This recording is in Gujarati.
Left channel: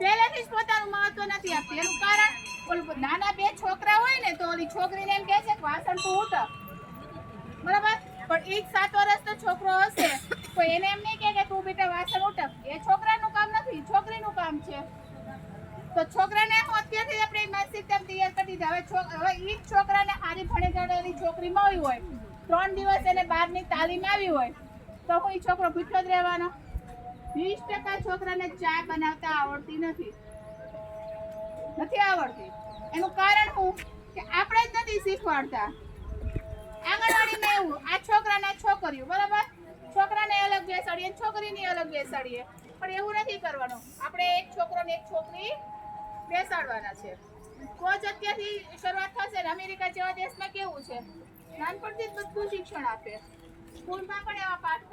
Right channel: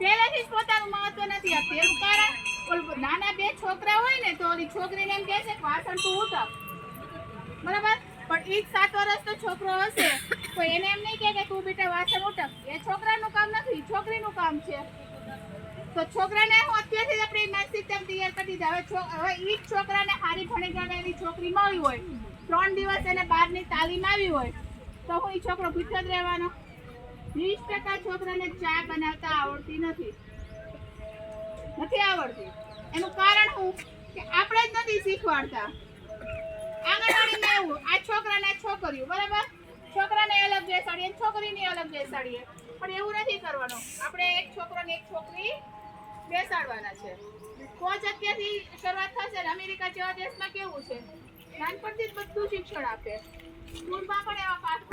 પહેલેથી જ પોતાનું મહત્વ નથી આપતી. એનું કારણ, ઓલું નાના બે છોકરા હોય ને, તો ઓલી છોકરીને એમ કહે છે કે વાસણ તું ઉટક બરાબર? પણ એ જ સાત વર્ષનો છોકરો હશે, તો એને એમ નહીં કહે કે તું બેટા વાસણ ઉટક એ છોકરાનું કામ નથી છોકરીનું કામ છે. તો છોકરાને હું અત્યારથી આપણે માનસિકતા તૈયાર કરી દીધા. હવે હવે એ જ છોકરાને સારી ભણી ગણેલી છોકરી મળી હોય, ત્રણ દિવસ એને બહારની તાલીમ આવી હોય, તો હું એ છોકરો ભીઠો જ રહેવાનો? ટકા છોકરાને ચા બનાવતા આવડતી નથી. નથી આવડતી. એનું કારણ હું? કે આપણે જ નથી શીખવાડતા. આંગણવાડીમાં એવું, આ છોકરાને છોકરીઓ, બરાબર? છોકરાને અલગ બેસાડીએ છોકરીને અલગ બેસાડીએ. પણ એવું નથી કરવાનું. આપણે એક છોકરો ને એક છોકરી બેસાડવાના છે. કોચ અત્યારથી શરૂઆત થશે ને અમેરિકા જેવા દેશમાં કેવું છે? નાનપણથી જ બધું શિક્ષણ આપે. સ્કૂલમાં પણ એવા